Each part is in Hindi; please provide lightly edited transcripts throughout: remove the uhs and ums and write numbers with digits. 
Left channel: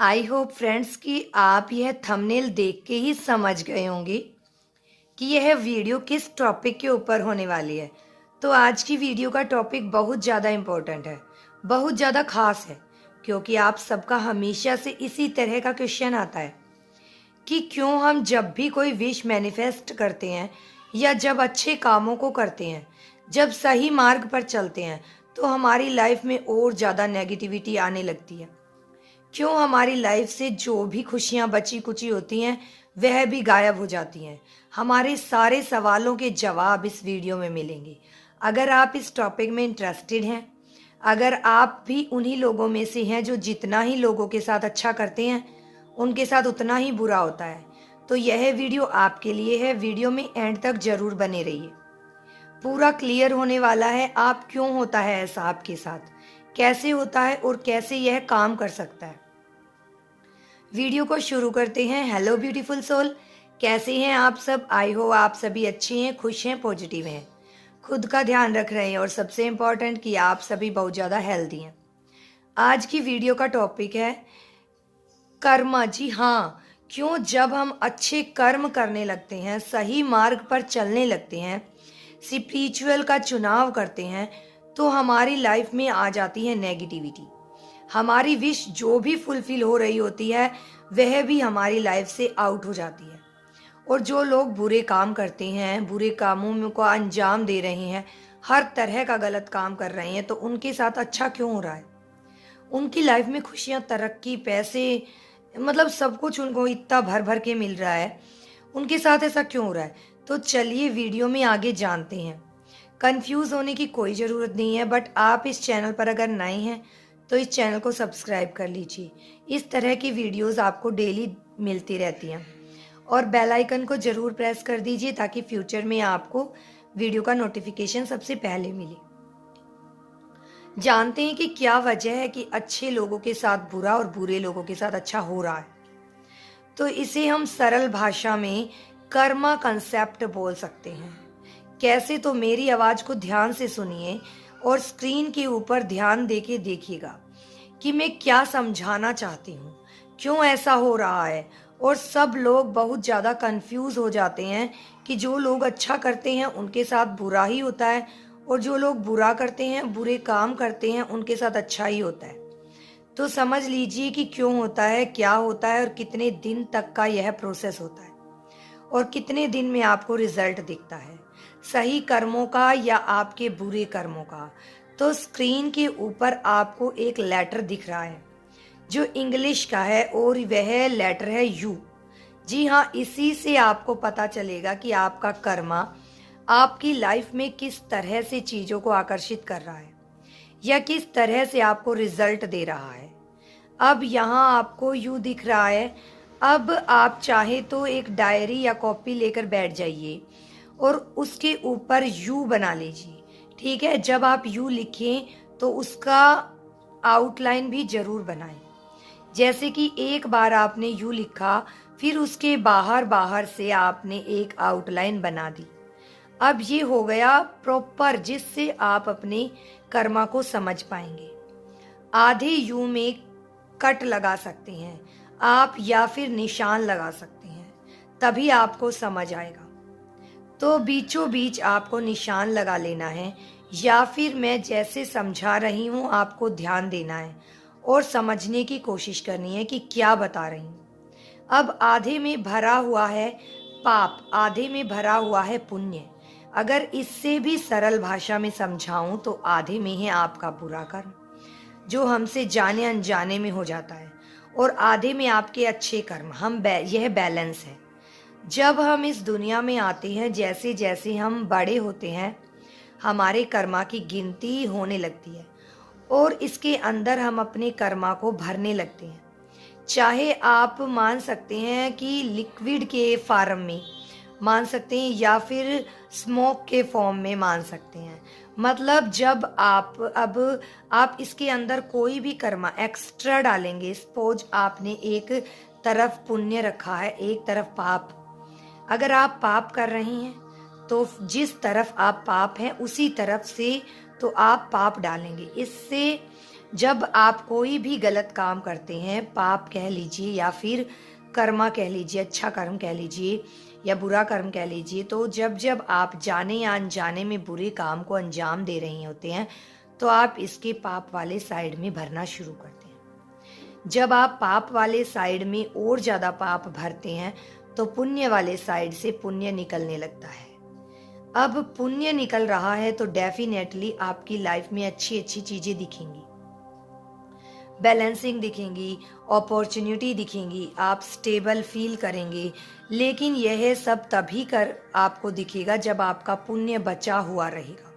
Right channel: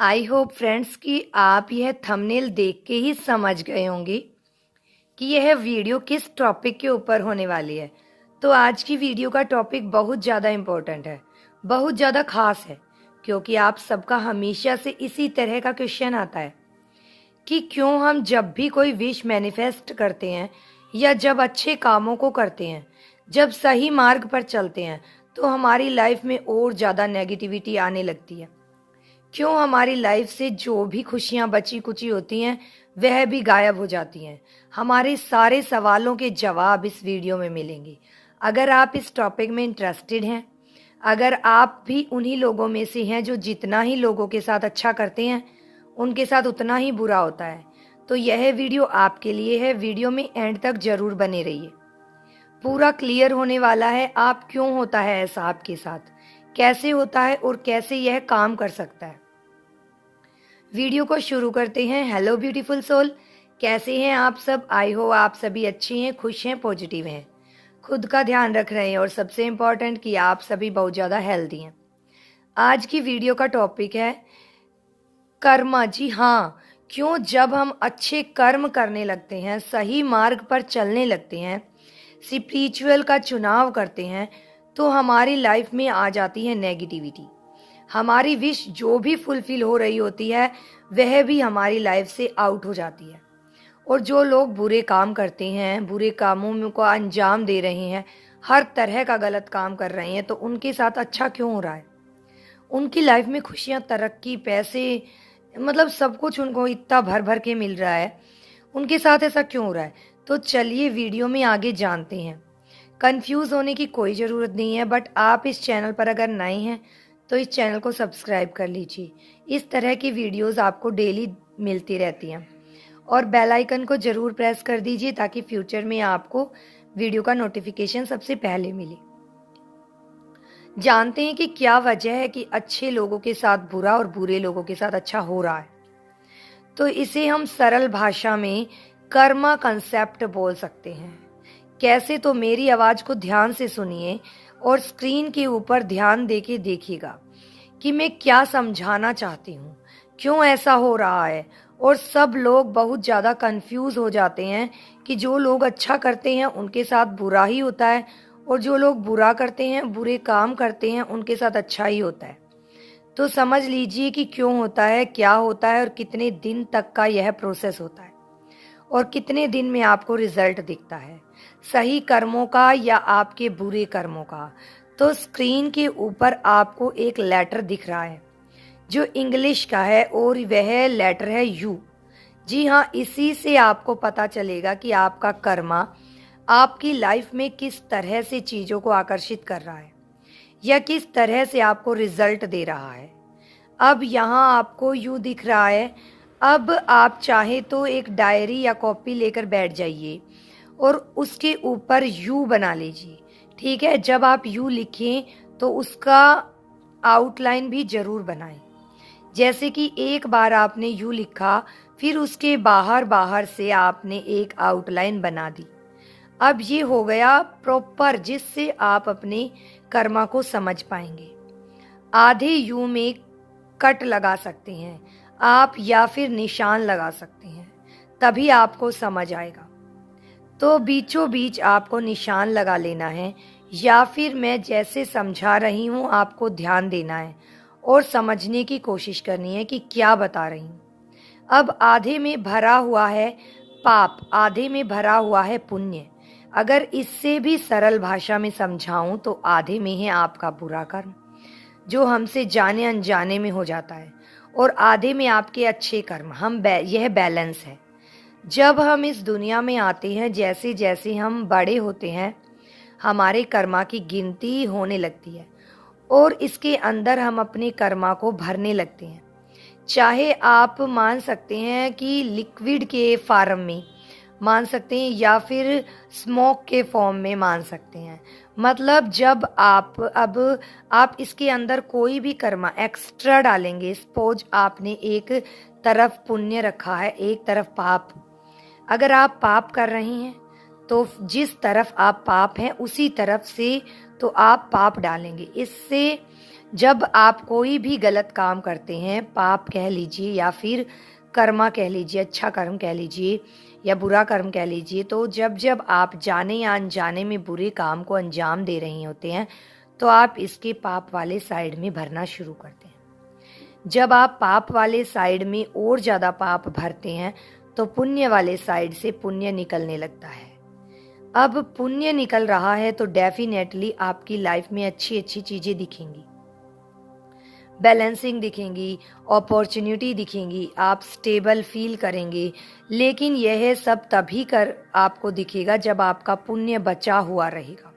आई होप फ्रेंड्स कि आप यह थंबनेल देख के ही समझ गए होंगे कि यह वीडियो किस टॉपिक के ऊपर होने वाली है। तो आज की वीडियो का टॉपिक बहुत ज़्यादा इम्पोर्टेंट है, बहुत ज़्यादा खास है, क्योंकि आप सबका हमेशा से इसी तरह का क्वेश्चन आता है कि क्यों हम जब भी कोई विश मैनिफेस्ट करते हैं या जब अच्छे कामों को करते हैं, जब सही मार्ग पर चलते हैं, तो हमारी लाइफ में और ज़्यादा नेगेटिविटी आने लगती है। क्यों हमारी लाइफ से जो भी खुशियां बची कुची होती हैं वह भी गायब हो जाती हैं। हमारे सारे सवालों के जवाब इस वीडियो में मिलेंगे। अगर आप इस टॉपिक में इंटरेस्टेड हैं, अगर आप भी उन्हीं लोगों में से हैं जो जितना ही लोगों के साथ अच्छा करते हैं उनके साथ उतना ही बुरा होता है, तो यह वीडियो आपके लिए है। वीडियो में एंड तक जरूर बने रहिए। पूरा क्लियर होने वाला है आप क्यों होता है ऐसा आपके साथ, कैसे होता है और कैसे यह काम कर सकता है। वीडियो को शुरू करते हैं। हेलो ब्यूटीफुल सोल, कैसे हैं आप सब? आई हो आप सभी अच्छे हैं, खुश हैं, पॉजिटिव हैं, खुद का ध्यान रख रहे हैं और सबसे इम्पोर्टेंट कि आप सभी बहुत ज़्यादा हेल्दी हैं। आज की वीडियो का टॉपिक है कर्म। जी हाँ, क्यों जब हम अच्छे कर्म करने लगते हैं, सही मार्ग पर चलने लगते हैं, स्पिरिचुअल का चुनाव करते हैं, तो हमारी लाइफ में आ जाती है नेगेटिविटी। हमारी विश जो भी फुलफिल हो रही होती है वह भी हमारी लाइफ से आउट हो जाती है। और जो लोग बुरे काम करते हैं, बुरे कामों को अंजाम दे रहे हैं, हर तरह का गलत काम कर रहे हैं, तो उनके साथ अच्छा क्यों हो रहा है? उनकी लाइफ में खुशियां, तरक्की, पैसे, मतलब सब कुछ उनको इतना भर भर के मिल रहा है, उनके साथ ऐसा क्यों हो रहा है? तो चलिए वीडियो में आगे जानते हैं। कंफ्यूज होने की कोई ज़रूरत नहीं है, बट आप इस चैनल पर अगर नए हैं तो इस चैनल को सब्सक्राइब कर लीजिए। इस तरह की वीडियोस आपको डेली मिलती रहती हैं और बेल आइकन को ज़रूर प्रेस कर दीजिए ताकि फ्यूचर में आपको वीडियो का नोटिफिकेशन सबसे पहले मिले। जानते हैं कि क्या वजह है कि अच्छे लोगों के साथ बुरा और बुरे लोगों के साथ अच्छा हो रहा है। तो इसे हम सरल भाषा में कर्मा कंसेप्ट बोल सकते हैं। कैसे? तो मेरी आवाज़ को ध्यान से सुनिए और स्क्रीन के ऊपर ध्यान देके देखिएगा कि मैं क्या समझाना चाहती हूँ, क्यों ऐसा हो रहा है। और सब लोग बहुत ज़्यादा कंफ्यूज हो जाते हैं कि जो लोग अच्छा करते हैं उनके साथ बुरा ही होता है और जो लोग बुरा करते हैं, बुरे काम करते हैं, उनके साथ अच्छा ही होता है। तो समझ लीजिए कि क्यों होता है, क्या होता है और कितने दिन तक का यह प्रोसेस होता है और कितने दिन में आपको रिजल्ट दिखता है, सही कर्मों का या आपके बुरे कर्मों का। तो स्क्रीन के ऊपर आपको एक लेटर दिख रहा है जो इंग्लिश का है और वह लेटर है यू। जी हाँ, इसी से आपको पता चलेगा कि आपका कर्मा आपकी लाइफ में किस तरह से चीज़ों को आकर्षित कर रहा है या किस तरह से आपको रिजल्ट दे रहा है। अब यहाँ आपको यू दिख रहा है। अब आप चाहे तो एक डायरी या कॉपी लेकर बैठ जाइए और उसके ऊपर यू बना लीजिए। ठीक है, जब आप यू लिखें तो उसका आउटलाइन भी जरूर बनाएं। जैसे कि एक बार आपने यू लिखा, फिर उसके बाहर बाहर से आपने एक आउटलाइन बना दी। अब ये हो गया प्रॉपर, जिससे आप अपने कर्मा को समझ पाएंगे। आधे यू में कट लगा सकते हैं आप या फिर निशान लगा सकते हैं, तभी आपको समझ आएगा। तो बीचों बीच आपको निशान लगा लेना है या फिर मैं जैसे समझा रही हूँ आपको ध्यान देना है और समझने की कोशिश करनी है कि क्या बता रही हूँ। अब आधे में भरा हुआ है पाप, आधे में भरा हुआ है पुण्य। अगर इससे भी सरल भाषा में समझाऊं तो आधे में है आपका बुरा कर्म जो हमसे जाने अनजाने में हो जाता है और आधे में आपके अच्छे कर्म। यह बैलेंस है। जब हम इस दुनिया में आते हैं, जैसे जैसे हम बड़े होते हैं, हमारे कर्मा की गिनती होने लगती है और इसके अंदर हम अपने कर्मा को भरने लगते हैं। चाहे आप मान सकते हैं कि लिक्विड के फॉर्म में मान सकते हैं या फिर स्मोक के फॉर्म में मान सकते हैं। मतलब जब आप इसके अंदर कोई भी कर्मा एक्स्ट्रा डालेंगे, सपोज आपने एक तरफ पुण्य रखा है, एक तरफ पाप। अगर आप पाप कर रहे हैं तो जिस तरफ आप पाप हैं उसी तरफ से तो आप पाप डालेंगे। इससे जब आप कोई भी गलत काम करते हैं, पाप कह लीजिए या फिर कर्मा कह लीजिए, अच्छा कर्म कह लीजिए या बुरा कर्म कह लीजिए, तो जब जब आप जाने या अनजाने में बुरे काम को अंजाम दे रहे होते हैं, तो आप इसके पाप वाले साइड में भरना शुरू करते हैं। जब आप पाप वाले साइड में और ज़्यादा पाप भरते हैं, तो पुण्य वाले साइड से पुण्य निकलने लगता है। अब पुण्य निकल रहा है तो डेफिनेटली आपकी लाइफ में अच्छी अच्छी चीज़ें दिखेंगी, बैलेंसिंग दिखेंगी, अपॉर्चुनिटी दिखेंगी, आप स्टेबल फील करेंगे। लेकिन यह सब तभी कर आपको दिखेगा जब आपका पुण्य बचा हुआ रहेगा।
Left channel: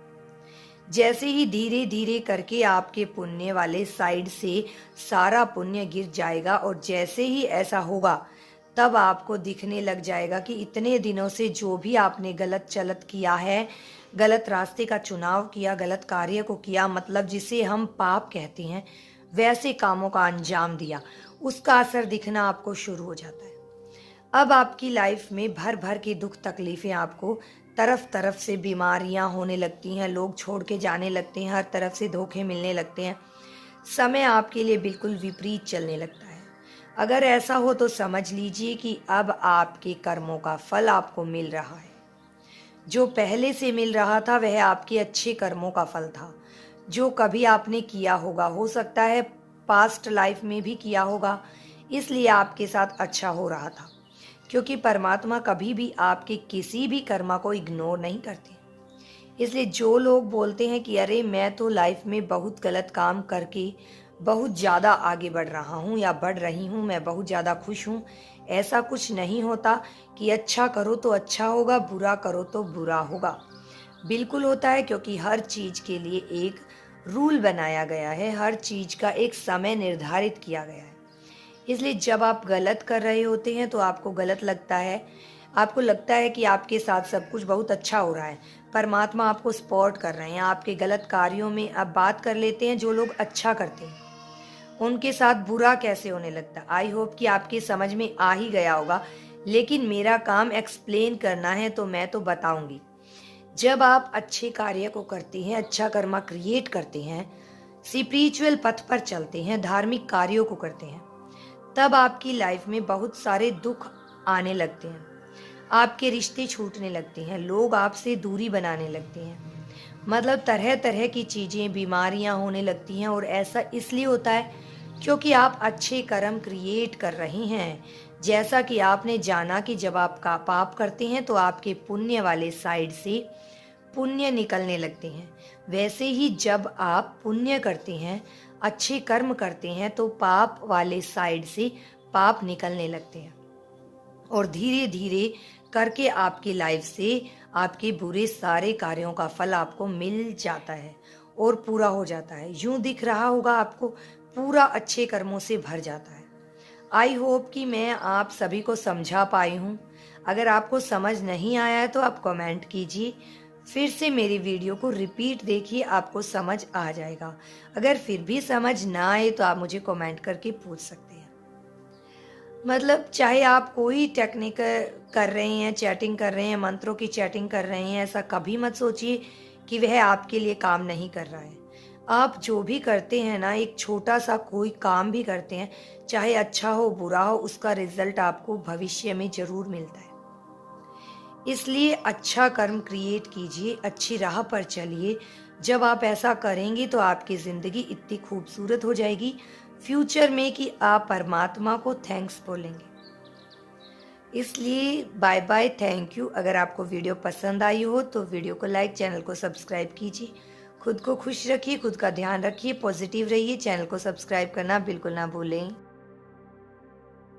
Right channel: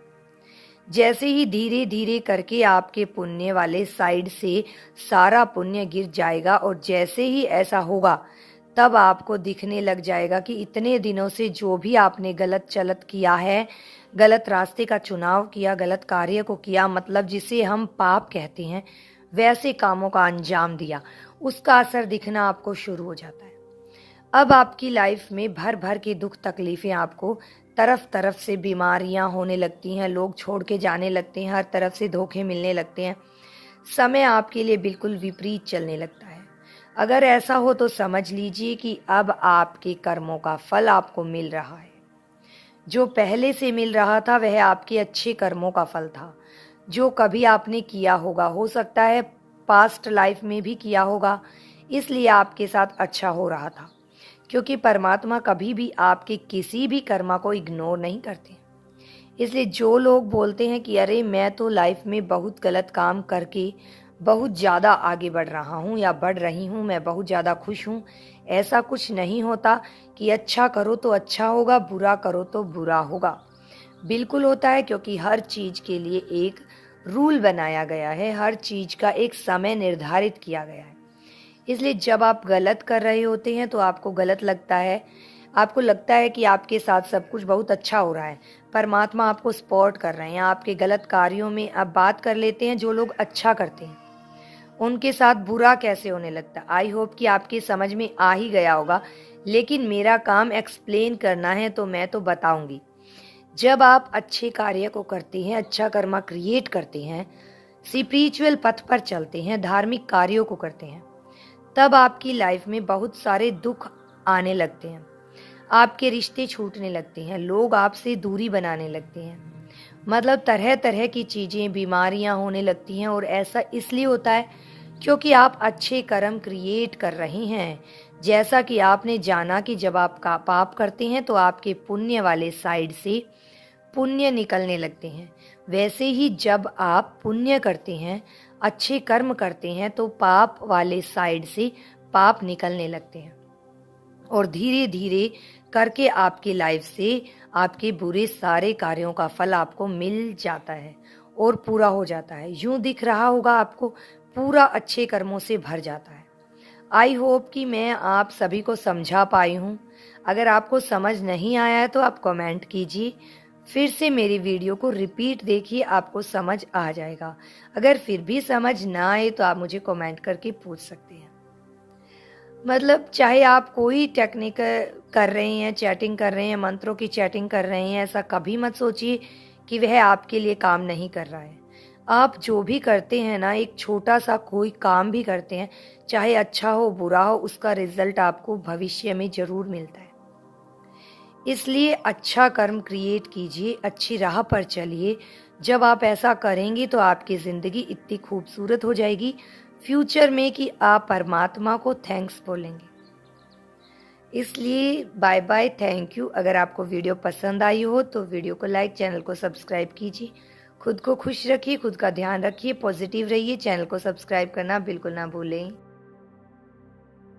जैसे ही धीरे धीरे करके आपके पुण्य वाले साइड से सारा पुण्य गिर जाएगा, और जैसे ही ऐसा होगा तब आपको दिखने लग जाएगा कि इतने दिनों से जो भी आपने गलत चलत किया है, गलत रास्ते का चुनाव किया, गलत कार्य को किया, मतलब जिसे हम पाप कहते हैं, वैसे कामों का अंजाम दिया, उसका असर दिखना आपको शुरू हो जाता है। अब आपकी लाइफ में भर भर के दुख तकलीफें, आपको तरफ तरफ से बीमारियां होने लगती हैं, लोग छोड़ के जाने लगते हैं, हर तरफ से धोखे मिलने लगते हैं, समय आपके लिए बिल्कुल विपरीत चलने लगता है। अगर ऐसा हो तो समझ लीजिए कि अब आपके कर्मों का फल आपको मिल रहा है। जो पहले से मिल रहा था वह आपके अच्छे कर्मों का फल था, जो कभी आपने किया होगा, हो सकता है पास्ट लाइफ में भी किया होगा, इसलिए आपके साथ अच्छा हो रहा था। क्योंकि परमात्मा कभी भी आपके किसी भी कर्मा को इग्नोर नहीं करते। इसलिए जो लोग बोलते हैं कि अरे मैं तो लाइफ में बहुत गलत काम करके बहुत ज़्यादा आगे बढ़ रहा हूँ या बढ़ रही हूँ, मैं बहुत ज़्यादा खुश हूँ, ऐसा कुछ नहीं होता कि अच्छा करो तो अच्छा होगा, बुरा करो तो बुरा होगा। बिल्कुल होता है, क्योंकि हर चीज़ के लिए एक रूल बनाया गया है, हर चीज़ का एक समय निर्धारित किया गया है। इसलिए जब आप गलत कर रहे होते हैं तो आपको गलत लगता है, आपको लगता है कि आपके साथ सब कुछ बहुत अच्छा हो रहा है, परमात्मा आपको सपोर्ट कर रहे हैं आपके गलत कार्यों में। अब बात कर लेते हैं जो लोग अच्छा करते हैं, उनके साथ बुरा कैसे होने लगता है। आई होप कि आपके समझ में आ ही गया होगा, लेकिन मेरा काम एक्सप्लेन करना है तो मैं तो बताऊंगी। जब आप अच्छे कार्य को करते हैं, अच्छा कर्मा क्रिएट करते हैं, स्पिरिचुअल पथ पर चलते हैं, धार्मिक कार्यों को करते हैं, तब आपकी लाइफ में बहुत सारे दुख आने लगते हैं, आपके रिश्ते छूटने लगते हैं, लोग आपसे दूरी बनाने लगते हैं, मतलब तरह तरह की चीज़ें, बीमारियां होने लगती हैं। और ऐसा इसलिए होता है क्योंकि आप अच्छे कर्म क्रिएट कर रहे हैं। जैसा कि आपने जाना कि जब आप का पाप करते हैं तो आपके पुण्य वाले साइड से पुण्य निकलने लगते हैं, वैसे ही जब आप पुण्य करते हैं, अच्छे कर्म करते हैं, तो पाप वाले साइड से पाप निकलने लगते हैं, और धीरे धीरे करके आपकी लाइफ से आपके बुरे सारे कार्यों का फल आपको मिल जाता है और पूरा हो जाता है। यूं दिख रहा होगा आपको पूरा अच्छे कर्मों से भर जाता है। आई होप कि मैं आप सभी को समझा पाई हूँ। अगर आपको समझ नहीं आया है तो आप कमेंट कीजिए, फिर से मेरी वीडियो को रिपीट देखिए, आपको समझ आ जाएगा। अगर फिर भी समझ ना आए तो आप मुझे कमेंट करके पूछ सकते हैं। मतलब चाहे आप कोई टेक्निक कर रहे हैं, चैटिंग कर रहे हैं, मंत्रों की चैटिंग कर रहे हैं, ऐसा कभी मत सोचिए कि वह आपके लिए काम नहीं कर रहा है। आप जो भी करते हैं ना, एक छोटा सा कोई काम भी करते हैं, चाहे अच्छा हो बुरा हो, उसका रिजल्ट आपको भविष्य में जरूर मिलता है। इसलिए अच्छा कर्म क्रिएट कीजिए, अच्छी राह पर चलिए। जब आप ऐसा करेंगे तो आपकी ज़िंदगी इतनी खूबसूरत हो जाएगी फ्यूचर में कि आप परमात्मा को थैंक्स बोलेंगे। इसलिए बाय बाय, थैंक यू। अगर आपको वीडियो पसंद आई हो तो वीडियो को लाइक, चैनल को सब्सक्राइब कीजिए। खुद को खुश रखिए, खुद का ध्यान रखिए, पॉजिटिव रहिए। चैनल को सब्सक्राइब करना बिल्कुल ना भूलें।